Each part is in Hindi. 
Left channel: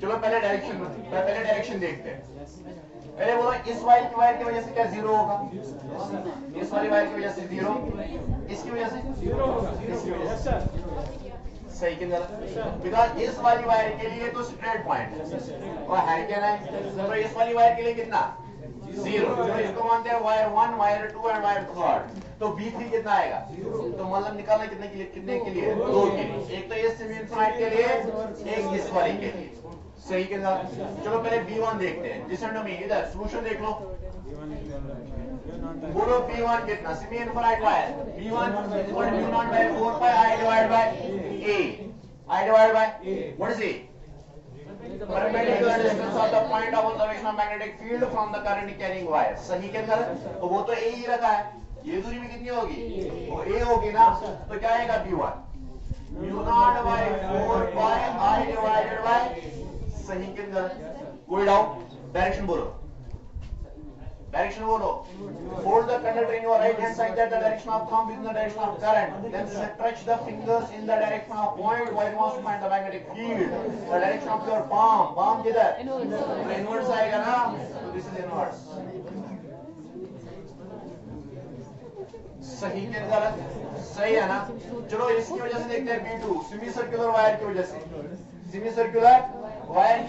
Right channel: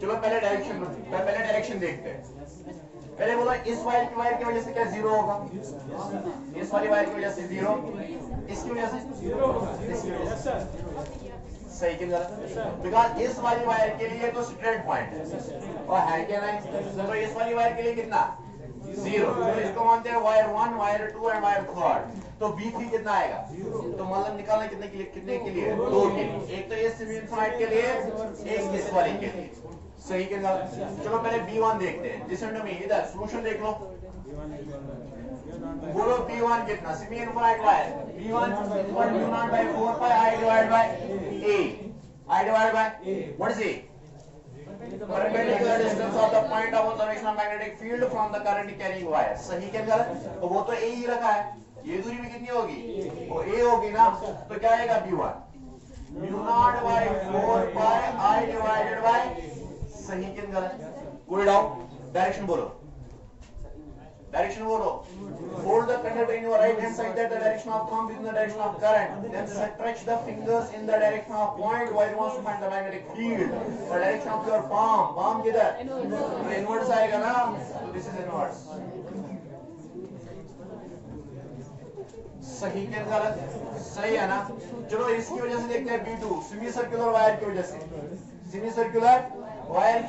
चलो पहले डायरेक्शन देखते हैं। पहले बोला इस वायर की वजह से क्या जीरो होगा, इस वाली वायर की वजह से जीरो, इसकी वजह से जीरो होगा। सही कि गलत? बिकॉज इस वाली वायर के लिए तो स्ट्रेट पॉइंट है और है क्या नहीं, तो इस वाली वायर के लिए कितना जीरो, तो इसको मानते हैं वायर 1, वायर 2 एंड वायर 3। तो B3 कितना आएगा, तो मतलब निकालना कितने के लिए, 2 के लिए, एक तो ये सेमी इनफिनिट के लिए, एक इस वाले के लिए। सही के गलत? चलो पहले B1 देखते हैं। लिसन टू मी, इधर सॉल्यूशन देख लो। बोलो B1 कितना, semi infinite wire B1 equal to B0 by 4 pi I divided by A, I divided by what is A? Perpendicular distance of the point of observation of magnetic field from the current carrying wire। सही के गलत? तो वो तो A ही रखा है, ये दूरी भी कितनी होगी, वो A होगी ना, तो क्या आएगा B1 μ0 by 4 pi I divided by, सही के गलत? कोई डाउट? डायरेक्शन बोलो, hold the conductor in your right hand side that the direction of thumb is in the direction of current, then stretch the fingers in the direction of point where you want to find the magnetic field, the direction of your palm किधर, तो inwards आएगा ना, तो this is inwards। सही के गलत? सही है ना? चलो इसकी वजह से देखते हैं B2, सेमी सर्कुलर वायर की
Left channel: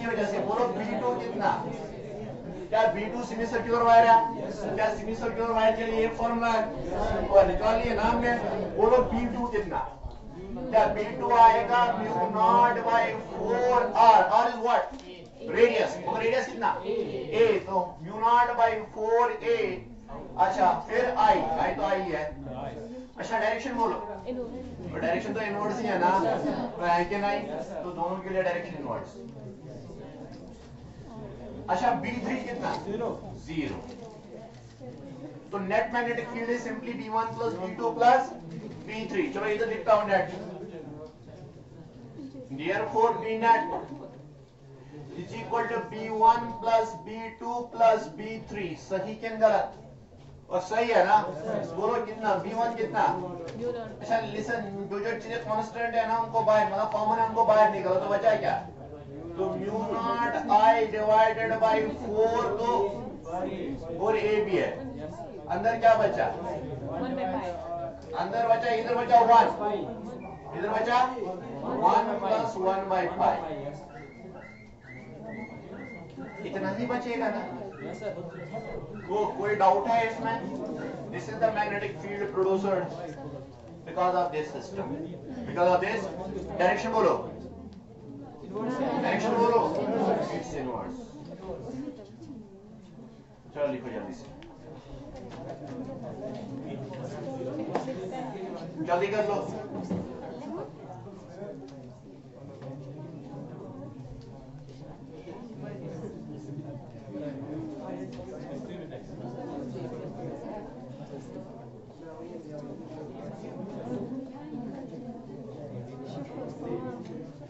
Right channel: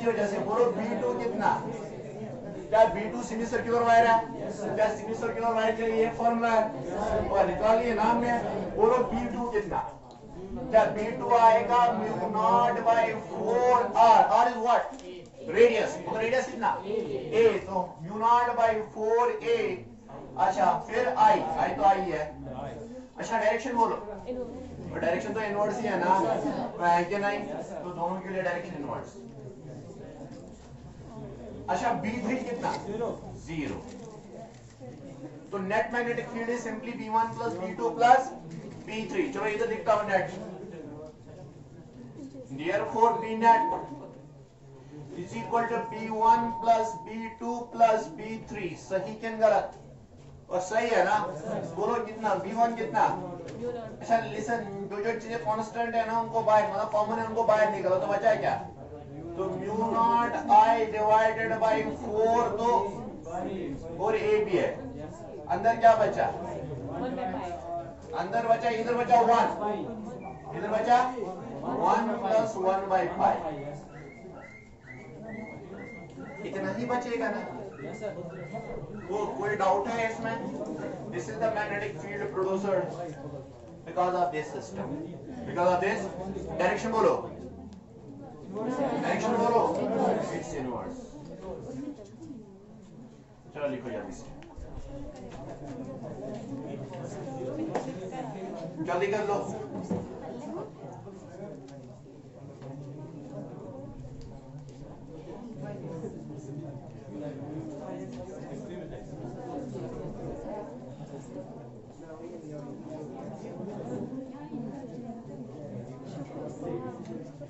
वजह से, बोलो B2 कितना, क्या B2 सेमी सर्कुलर वायर है, क्या सेमी सर्कुलर वायर के लिए फॉर्मूला है, और निकालिए नाम में। बोलो B2 कितना, क्या B2 आएगा μ0 by 4R, R is what, radius, तो रेडियस कितना A, तो μ0 by 4A। अच्छा फिर I तो I है। अच्छा डायरेक्शन बोलो, डायरेक्शन तो इनवर्स ही है ना, तो है कि नहीं, तो दोनों के लिए डायरेक्शन इनवर्स। अच्छा B3 कितना, जीरो, तो net magnetic field is simply B1 plus B2 plus B3। चलो इधर लिखता हूं net, therefore B net is equal to B1 plus B2 plus B3। सही कि गलत? और सही है ना? बोलो कितना, B1 कितना। अच्छा लिसन, जो चीजें कांस्टेंट है ना उनको बाहर, मतलब कॉमन है उनको बाहर निकालो, तो बचा क्या, तो μ0 I डिवाइडेड बाई 4, तो और A भी है, अंदर क्या बचा, अंदर बचा, इधर बचा 1, इधर बचा 1 प्लस 1 बाई 5, इतना ही बचेगा ना। तो कोई डाउट है इसमें? This is the magnetic field producer because of this system, because of this. Direction बोलो, इट्स इनवर्स। चलो लिखो जल्दी से, जल्दी कर लो।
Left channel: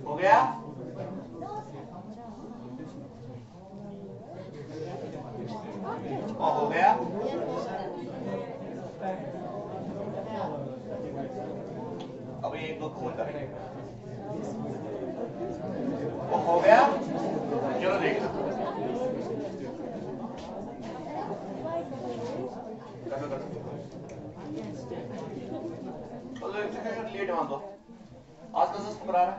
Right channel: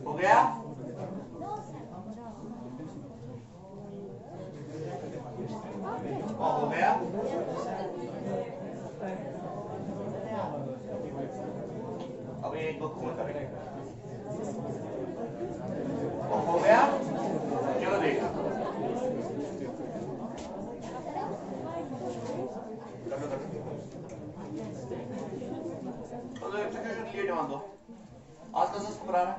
हो गया? हो गया? अब एक दो खोल करेंगे। हो गया? चलो देखो, लेट मान दो, आज तो सस्त करा रहा है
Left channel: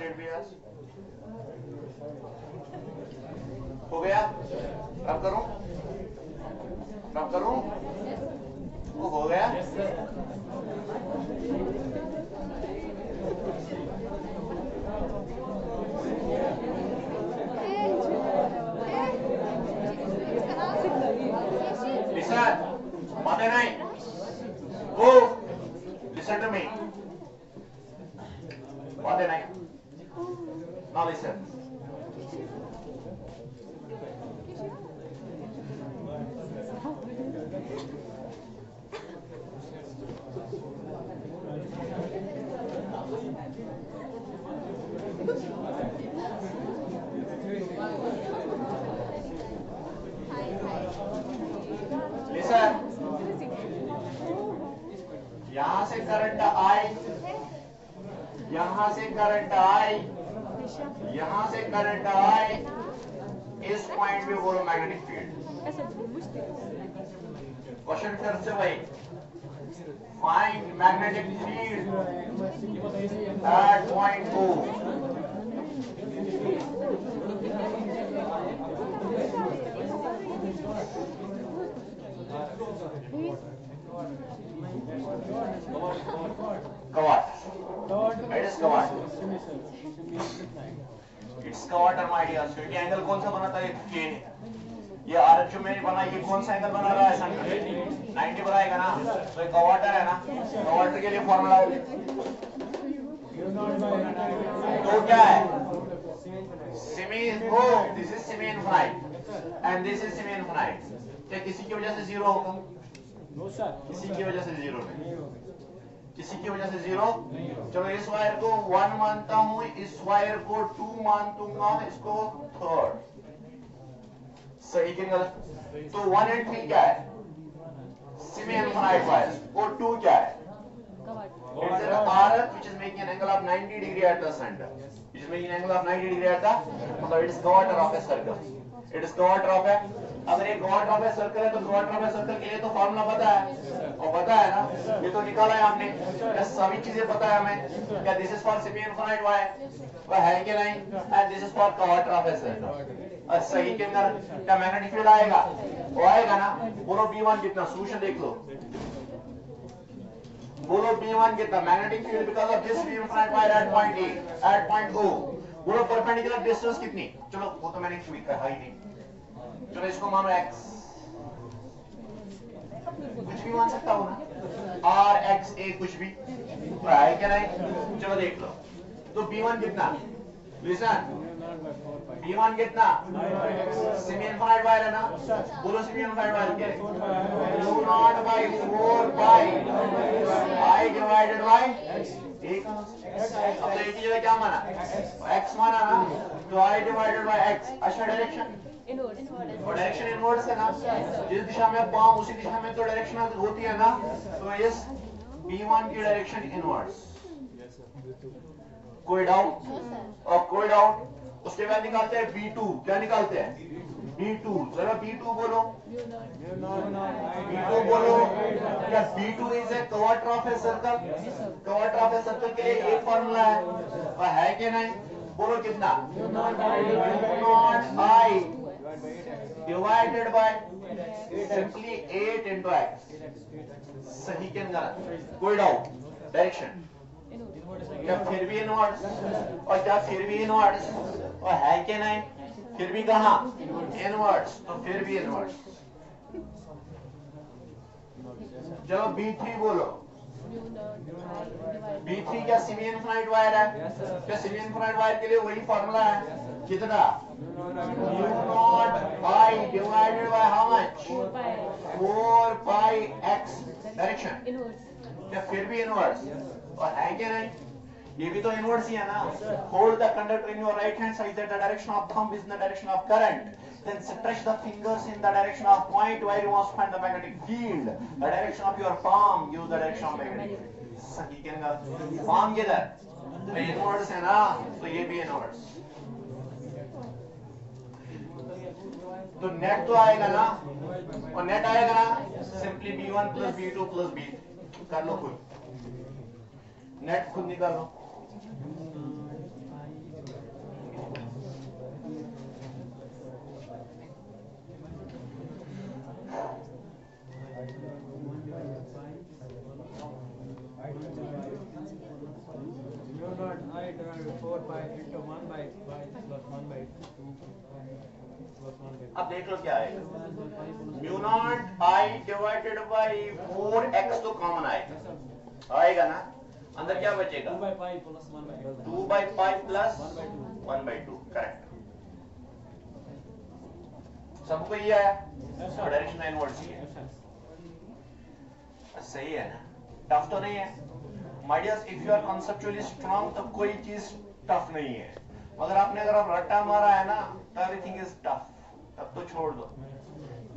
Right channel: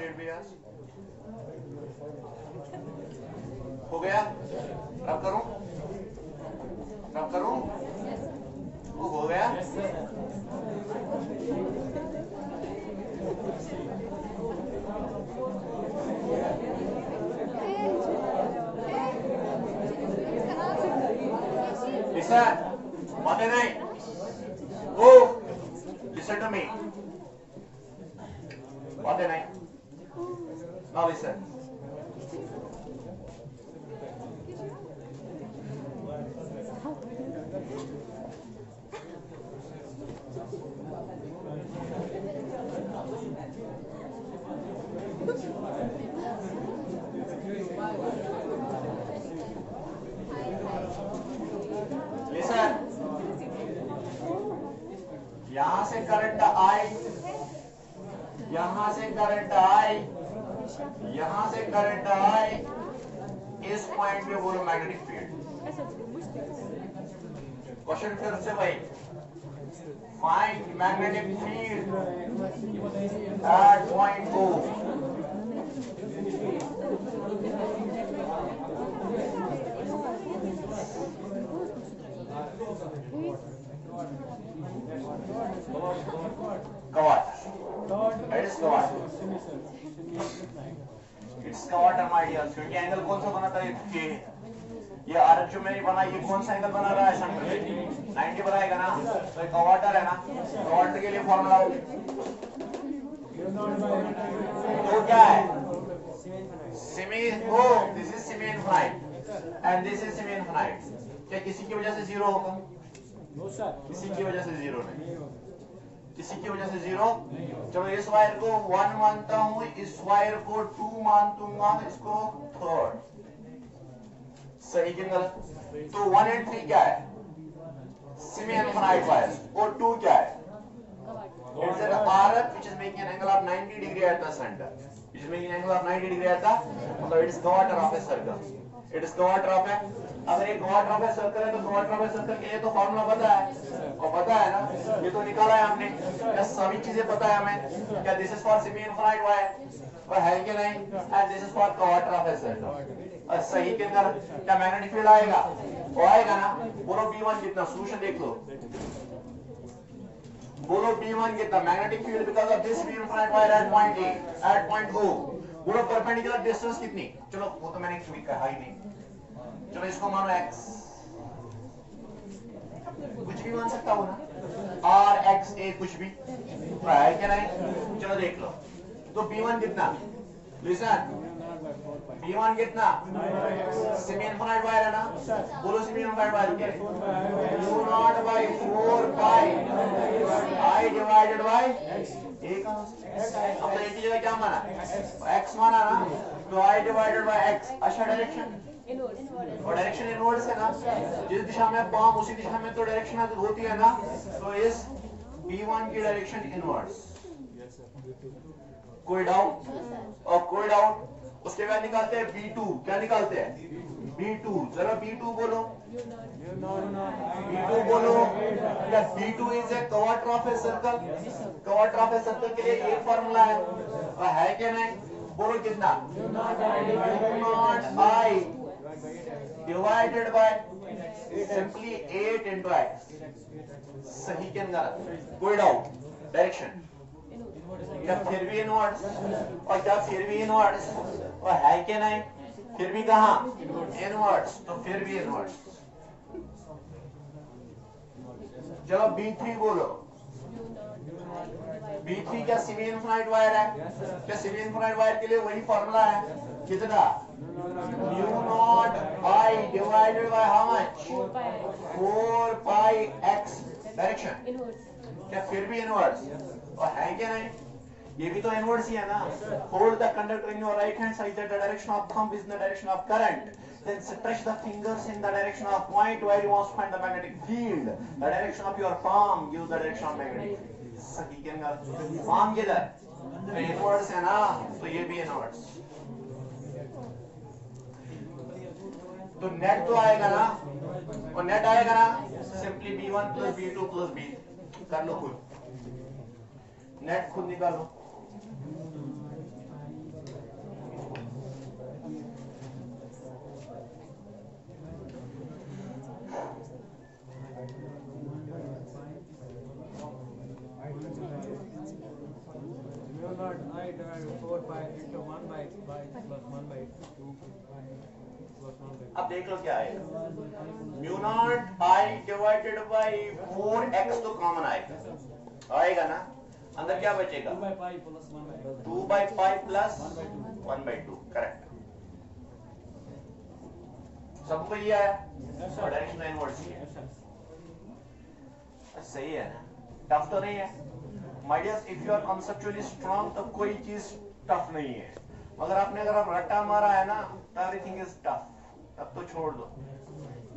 लेट भी आज। हो गया? अब करूं? हो गया? बातें नहीं, ओ listen to me, बातें नहीं, now listen। यहां से करंट आई यहां से करंट आई, यहां से करंट आई, इस पॉइंट पे बोलो मैग्नेटिक फील्ड। क्वेश्चन फिर से भाई, find magnetic field at point O। Kawat. It is kawat. It's kawat my dear student. ये एंगल कौन सा बनाता है? ये आरएफ जो मैंने बनाया, ये कौन सा एंगल बना रहा है? 90 बनाएगा ना, तो कवाटर है ना। कवाटर के लिए फॉर्मूला तो क्या है? Semi, oh this is semi infinite and this is semi infinite. क्या किसी की वजह से जीरो होगा? किसी की वजह से जीरो नहीं, किसी की वजह से जीरो। चलो इस वायर को 1 मानता हूं, इस वायर को 2 मान दूंगा, इसको 3rd। सही कि गलत? तो 1 and 3 क्या है? Semi infinite wire. और 2 क्या है? It's an RF which is making an angle of 90 degree at the center. Which is making an angle of 90 degree at the, मतलब it is quarter of a circle. It is quarter of a, अगर ये क्वार्टर ऑफ ए सर्कल है तो क्वार्टर ऑफ ए सर्कल के लिए तो फॉर्मूला पता है, और पता है ना, ये तो निकाला है हमने। क्या सभी चीजें पता है हमें? क्या this is for semi infinite wire, और है कि नहीं? And this is for quarter of a circle. और सही के अंदर क्या मैग्नेटिक फील्ड आएगा? वो आएगा ना। बोलो B1 कितना? सोल्यूशन देख लो। बोलो B1 कितना? Magnetic field because of this semi infinite wire at point A, at point O। बोलो परपेंडिकुलर डिस्टेंस कितनी? चलो वो तो मैंने कहा ही नहीं। चलो इसको मानो x, कुछ भी मान सकता हूं ना, r x a कुछ भी है क्या नहीं? चलो देख लो। तो B1 कितना? लिसन, B1 कितना? सेमी इनफाइनाइट वायर है ना। बोलो सेमी इनफाइनाइट वायर क्या है? 4 पाई I डिवाइडेड बाय एक। अब तो एक ही जगह क्या माना? x माना ना, तो I डिवाइडेड बाय x। अच्छा डायरेक्शन, और डायरेक्शन इनवर्ड्स है ना, जिस दिशा में पाम उसी दिशा में तो डायरेक्शन होती है ना। तो इस B1 की डायरेक्शन इनवर्ड्स। कोई डाउट? और कोई डाउट? उसके बाद निकालते हैं B2। क्या निकालते हैं? B2, जरा B2 बोलो। B2 बोलो। क्या B2 is a quarter of a circle? Quarter of a circle के लिए एक फॉर्मूला है कि नहीं? बोलो कितना? I divided by simply 8 into x। सही के गलत? कोई डाउट? डायरेक्शन क्या फिर भी इनवर्ड्स? और क्या फिर भी इनवर्ड्स? और है कि नहीं? फिर भी कहां? इनवर्ड्स। तो फिर भी इनवर्ड्स। चलो B3 बोलो। B3 क्या सेमी इनफाइनाइट वायर है? क्या सेमी इनफाइनाइट वायर के लिए वही फॉर्मूला है? कितना? μ0 I divided by how much? 4 pi x। Direction क्या फिर भी इनवर्स? और है क्या नहीं? ये भी तो इनवर्स ही है ना। Hold the conductor in your right hand such that the direction of thumb is in the direction of current. Then stretch the fingers in the direction of point where you want to find the magnetic field. The direction of your palm, use the direction of magnetic field. सही कहना। palm किधर? इनवर्स है ना, तो ये भी इनवर्स। तो नेट तो आएगा ना, और नेट आएगा ना, simply B1 plus B2 plus B। कर लो खुद, नेट खुद निकालो। I divided 4 by into 1 by plus 1 by 2 plus 1 by 2. अब देख लो क्या है। μ0 I डिवाइडेड बाय 4x तो कॉमन आएगा ना, अंदर क्या बचेगा? 2 by pi plus 1 by 2. 2 by pi plus 1 by 2। Correct. सबको ये आया? डायरेक्शन इनवर्स ही है। सही है ना? टफ तो नहीं है? My dear, if you are conceptually strong तो कोई चीज टफ नहीं है। मगर आपने अगर आप रट्टा मारा है ना, तो एवरीथिंग इज टफ। तब तो छोड़ दो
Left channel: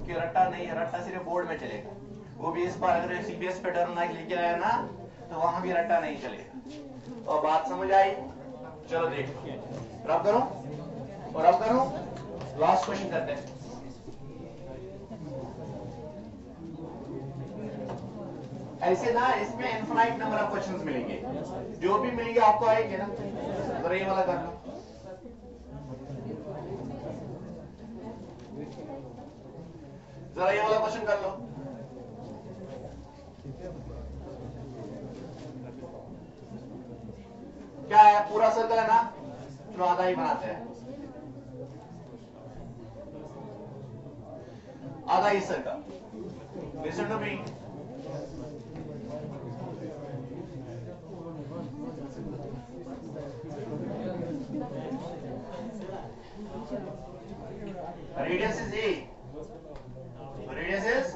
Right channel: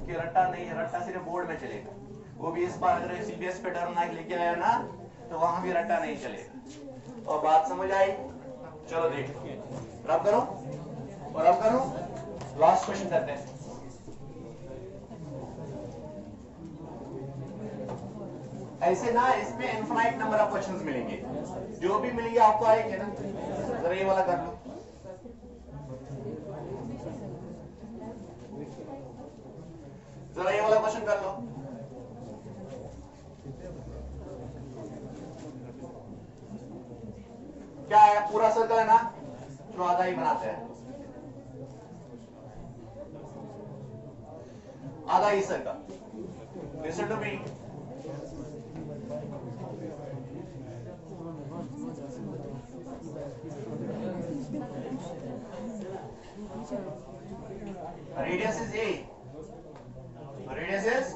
कि रट्टा नहीं है, रट्टा सिर्फ बोर्ड में चलेगा। वो भी इस बार अगर सीबीएस पैटर्न लेके आया ना, तो वहां भी रट्टा नहीं चलेगा। और बात समझ आई? चलो देखो, रब करो और अब करो, लास्ट क्वेश्चन करते हैं। ऐसे ना इसमें इनफाइनाइट नंबर ऑफ क्वेश्चंस मिलेंगे, जो भी मिलेंगे आपको आएंगे ना। जरा ये वाला करना, जरा ये वाला क्वेश्चन कर लो। क्या है, पूरा सर्कल है ना, चलो आधा ही बनाते हैं, आधा ही circle. Listen to me, radius is a, radius is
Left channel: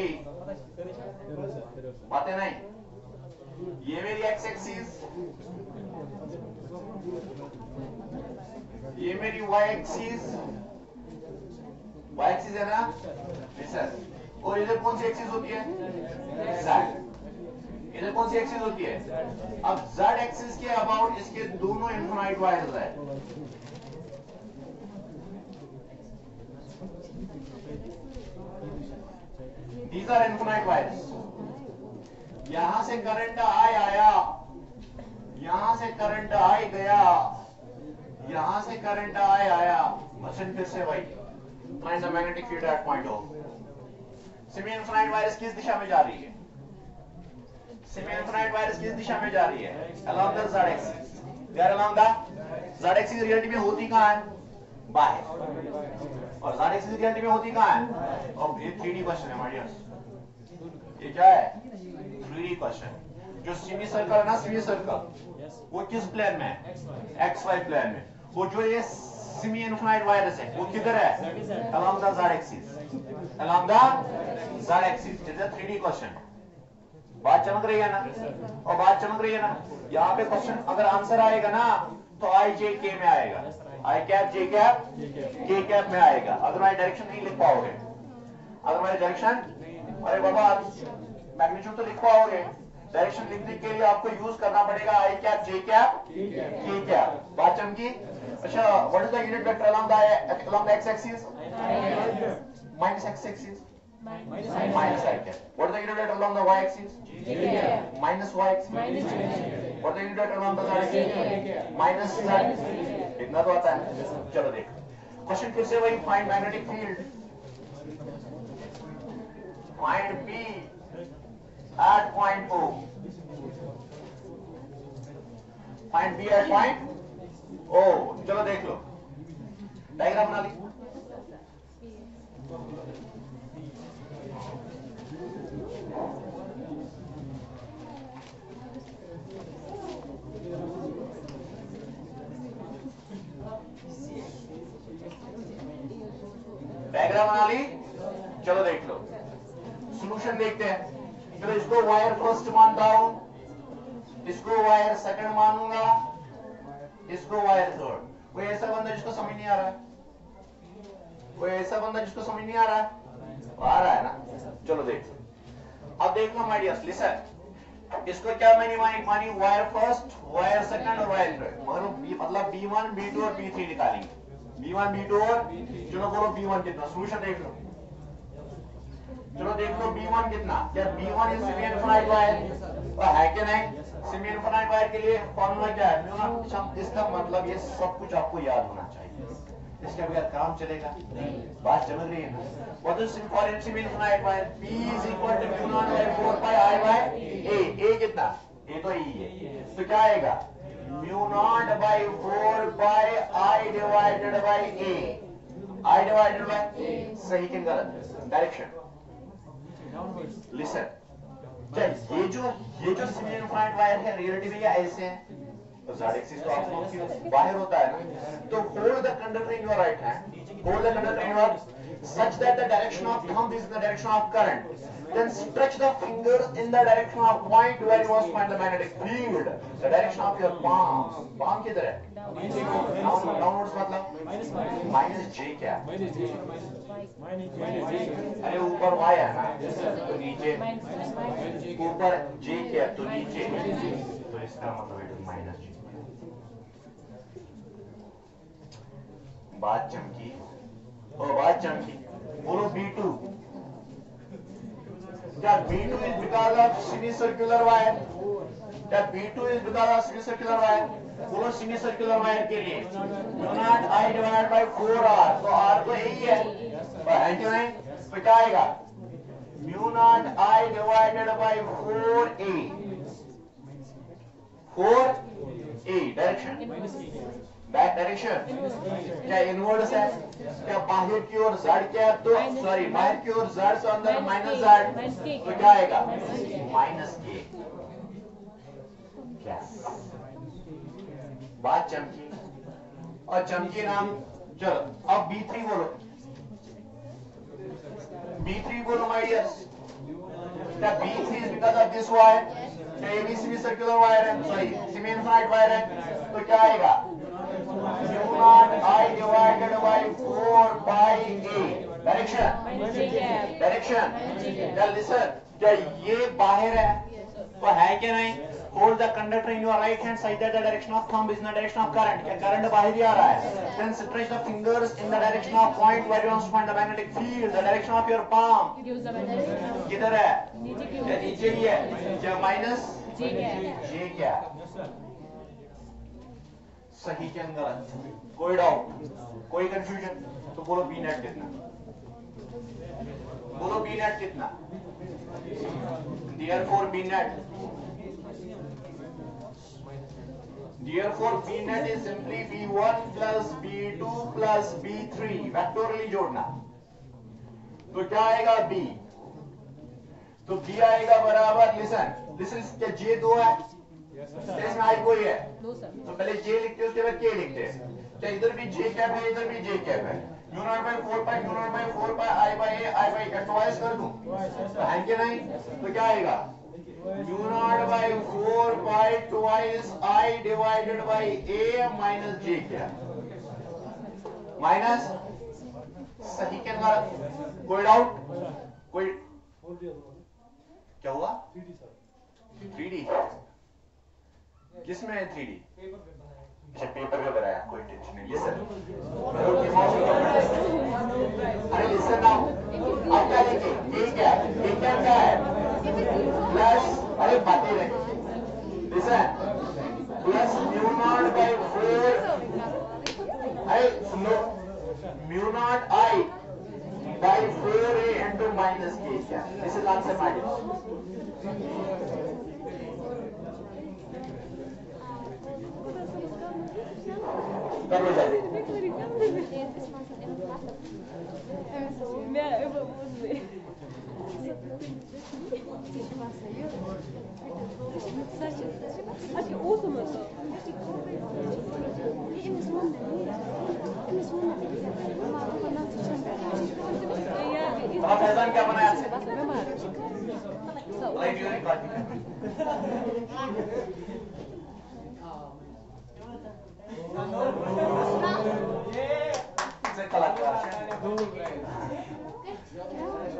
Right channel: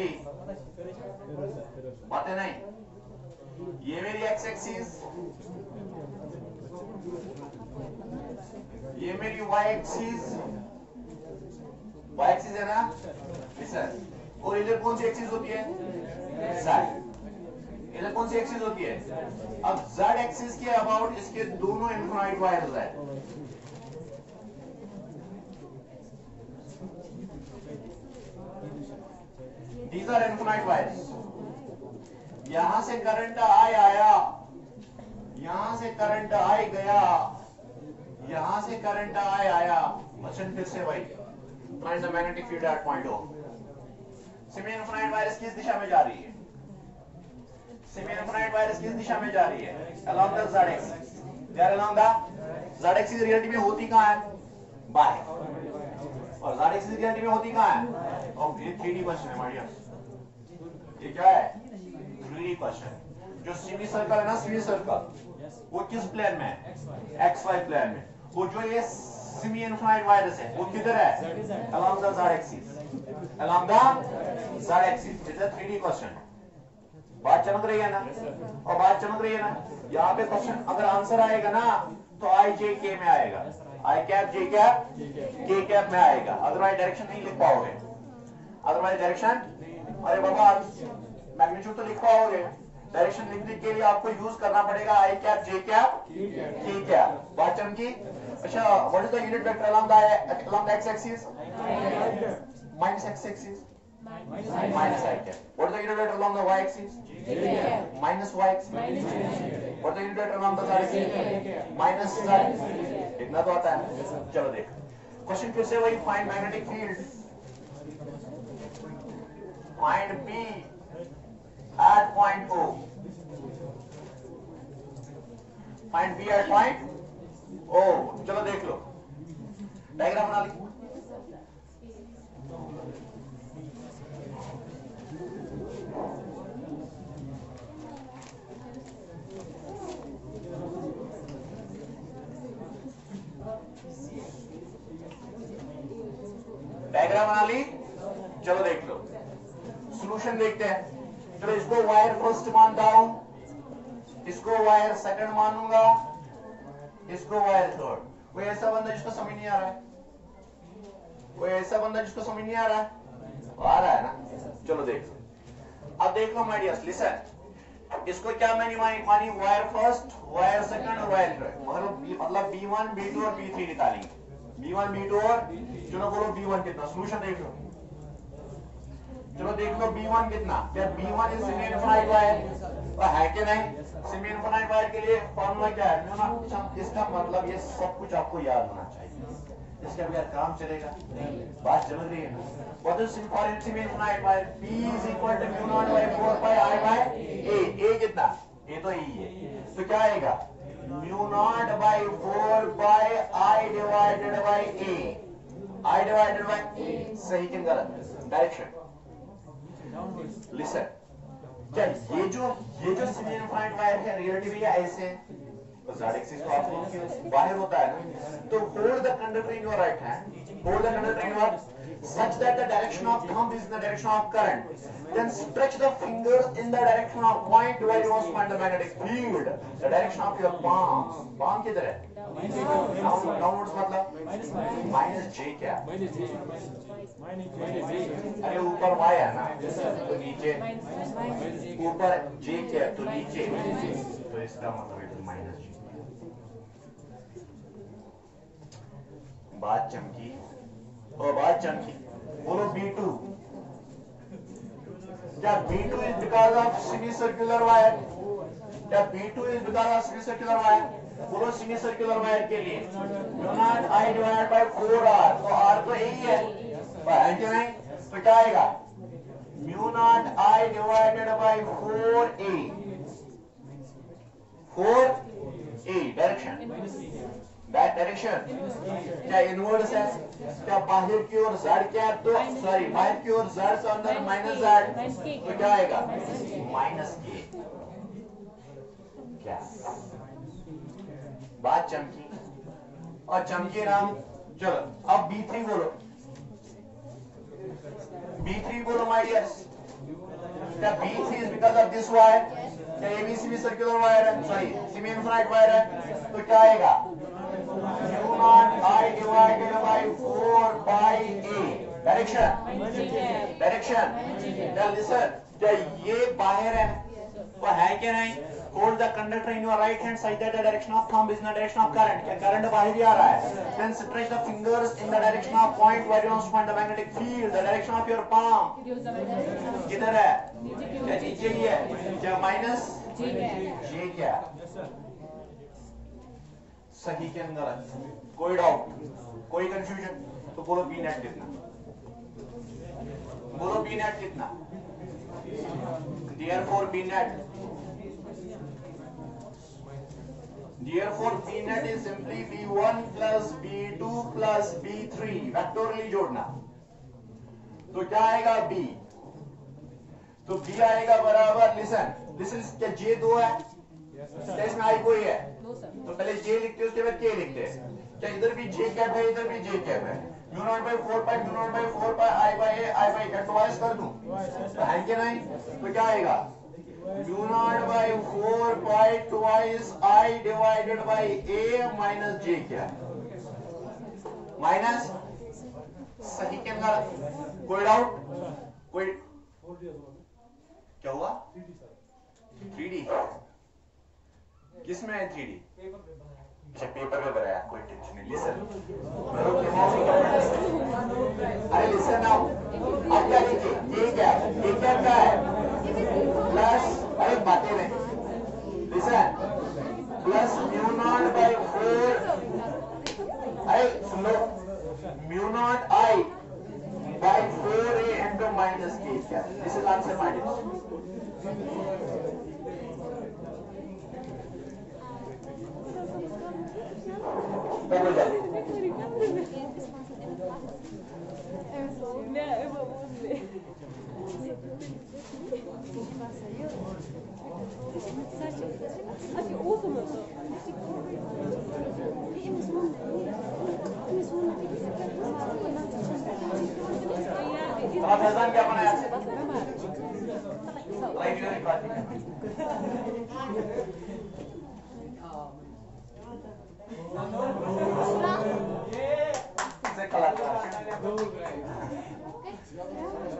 a, बात है नहीं? ये मेरी x एक्सिस, ये मेरी y एक्सिस, y एक्सिस है ना, और इधर कौन सी एक्सिस होती है? z। इधर कौन सी एक्सिस होती है? अब z एक्सिस के अबाउट इसके दोनों इनफाइनाइट वायर्स है। These are infinite wires. यहां से करंट आई आया, यहां से करंट आई गया, यहां से करंट आई आया। क्वेश्चन फिर से वही, find the magnetic field at point O। Semi infinite wires किस दिशा में जा रही है? सेमी इनफाइनाइट वायर्स किस दिशा में जा रही है? Along the z axis. They are along the z axis. Reality में होती कहां है? बाहर। और z एक्सिस रियलिटी में होती कहां है? और ये 3D क्वेश्चन है माय डियर्स। ये क्या है? 3D question. जो सेमी सर्कल है ना, सेमी सर्कल, वो किस प्लेन में है? XY प्लेन में। वो जो ये सेमी इनफाइनाइट वायर्स है, वो किधर है? Along the z axis. Along the z axis. It's a 3D question. बात चमक रही है ना? और बात चमक रही है ना? यहाँ पे क्वेश्चन अगर आंसर आएगा ना, तो I J K में आएगा, I cap J cap K cap में आएगा। अदरवाइज डायरेक्शन नहीं लिख पाओगे। अदरवाइज डायरेक्शन, अरे बाबा मैग्नीट्यूड तो लिख पाओगे, डायरेक्शन लिखने के लिए आपको यूज करना पड़ेगा I cap J cap K cap. बात चमकी? अच्छा, what is the unit vector along the x axis? Minus x axis, minus I cap. What is the unit vector along the y axis? Minus y axis. What is the unit vector along the z axis? Minus z। इतना तो आता है। चलो देख, क्वेश्चन फिर से वही, find magnetic field, find B at point O, find B at point O। चलो देख लो, डायग्राम बना ली। डायग्राम बना ली, चलो देख लो, सॉल्यूशन देखते हैं। चलो इसको वायर फर्स्ट मानता हूं, इसको वायर सेकंड मानूंगा, इसको वायर थर्ड। कोई ऐसा बंदा जिसको समझ नहीं आ रहा है? कोई ऐसा बंदा जिसको समझ नहीं आ रहा है? आ रहा है ना? चलो देख, अब देख लो माय डियर्स, लिसन। इसको क्या मैंने मानी? वायर फर्स्ट, वायर सेकंड और वायर थर्ड। मतलब B1, B2 और B3 निकालेंगे। B1, B2 और, चलो बोलो B1 कितना? सॉल्यूशन देख लो, चलो देख लो B1 कितना? क्या B1 is semi infinite wire? और है कि नहीं? सेमी इनफाइनाइट वायर के लिए फॉर्मूला क्या है? Mu not. इसका मतलब ये सब कुछ आपको याद होना चाहिए, इसके बगैर काम चलेगा नहीं। बात समझ रही है ना? What is for semi infinite wire? P is equal to mu nought by 4 pi I by A। A कितना? A तो E है, तो क्या आएगा? Mu nought by 4 pi I divided by A। I divided by A सही कि गलत? डायरेक्शन। लिसन, क्या ये जो सेमी इनफाइनाइट वायर है रियलिटी में ऐसे है? तो z एक्सिस तो आपको बाहर होता है ना, तो hold the conductor in your right hand, hold the conductor in your such that the direction of thumb is in the direction of current, then stretch the fingers in the direction of point where you must find the magnetic field, the direction of your palms। palm किधर है? डाउनवर्ड्स मतलब माइनस J क्या? अरे ऊपर Y है ना, तो नीचे ऊपर J क्या? तो नीचे, तो इसका मतलब माइनस जी। बात चमकी और बात चमकी। बोलो B2 क्या B2 is because of semicircular wire? क्या B2 is because of semicircular wire? बोलो semicircular wire के लिए mu nought I divided by 4R, तो R तो यही है क्या नहीं? तो क्या आएगा mu nought I divided by 4A, 4A direction, back direction क्या इनवर्स है, क्या बाहर की ओर z क्या तो सॉरी बाहर की ओर z से अंदर माइनस z, तो क्या आएगा माइनस के। क्या बात चमकी और चमकी नाम। चलो अब B3 बोलो, B3 बोलो माय डियर्स। क्या B3 is because of this wire? क्या ABC भी सर्कुलर वायर है, सॉरी सेमी इनफाइनाइट वायर है, तो क्या आएगा mu nought I divided by 4 by A direction, direction. क्या लिसन, क्या ये बाहर है तो है क्या नहीं? Hold the conductor in your right hand side that the direction of thumb is in the direction of current. क्या करंट बाहर ही आ रहा है? Then stretch the fingers in the direction of point where you want to find the magnetic field. The direction of your palm किधर है? क्या नीचे ही है? क्या माइनस जे क्या? सही के अंदर कोई डाउट, कोई कंफ्यूजन? तो बोलो बी नेट कितना, बोलो बी नेट कितना? Therefore B net, therefore B net is simply B1 plus B2 plus B3 vectorially जोड़ना, तो क्या आएगा B? तो B आएगा बराबर लिसन, लिसन क्या J 2 है? इसमें I कोई है तो पहले J लिखते उसके बाद K लिखते हैं। क्या इधर भी J कैप है, इधर भी J कैप है। Mu nought by 4 pi mu nought by 4 pi I by A, I by A twice कर दूं तो है क्या नहीं? तो क्या आएगा mu nought by 4 pi twice I divided by A minus J क्या माइनस। सही क्या गलत? कोई डाउट? कोई क्या हुआ? 3D किसमें है 3D? अच्छा पेपर पे बनाया, कोई टेंशन नहीं। लिसन, अरे लिसन नाउ, आप क्या लिखे? ये क्या है प्लस, अरे बातें नहीं। Listen plus mu nought by 4, अरे सुनो mu nought I by 4A into minus के क्या? दिस इज आंसर माय कर लो जल्दी। फैजान क्या बनाया?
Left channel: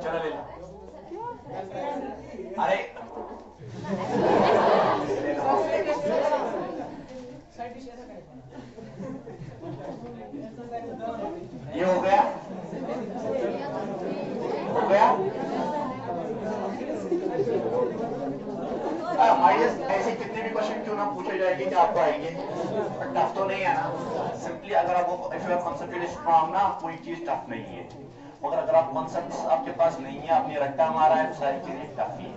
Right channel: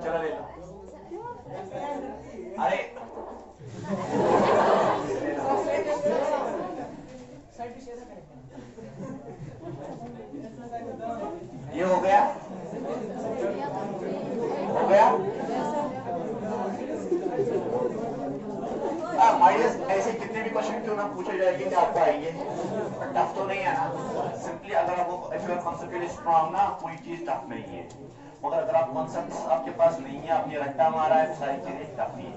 चलो अरे ये हो गया, हो गया। माइनस ऐसे कितने भी क्वेश्चन क्यों ना पूछे जाएंगे कि आपको आएंगे, टफ तो नहीं है ना। सिंपली अगर आपको कॉन्सेप्ट स्ट्रॉन्ग ना, कोई चीज टफ नहीं है, मगर अगर आप कॉन्सेप्ट आपके पास नहीं है, आपने रट्टा मारा है, तो सारी चीजें टफ ही है।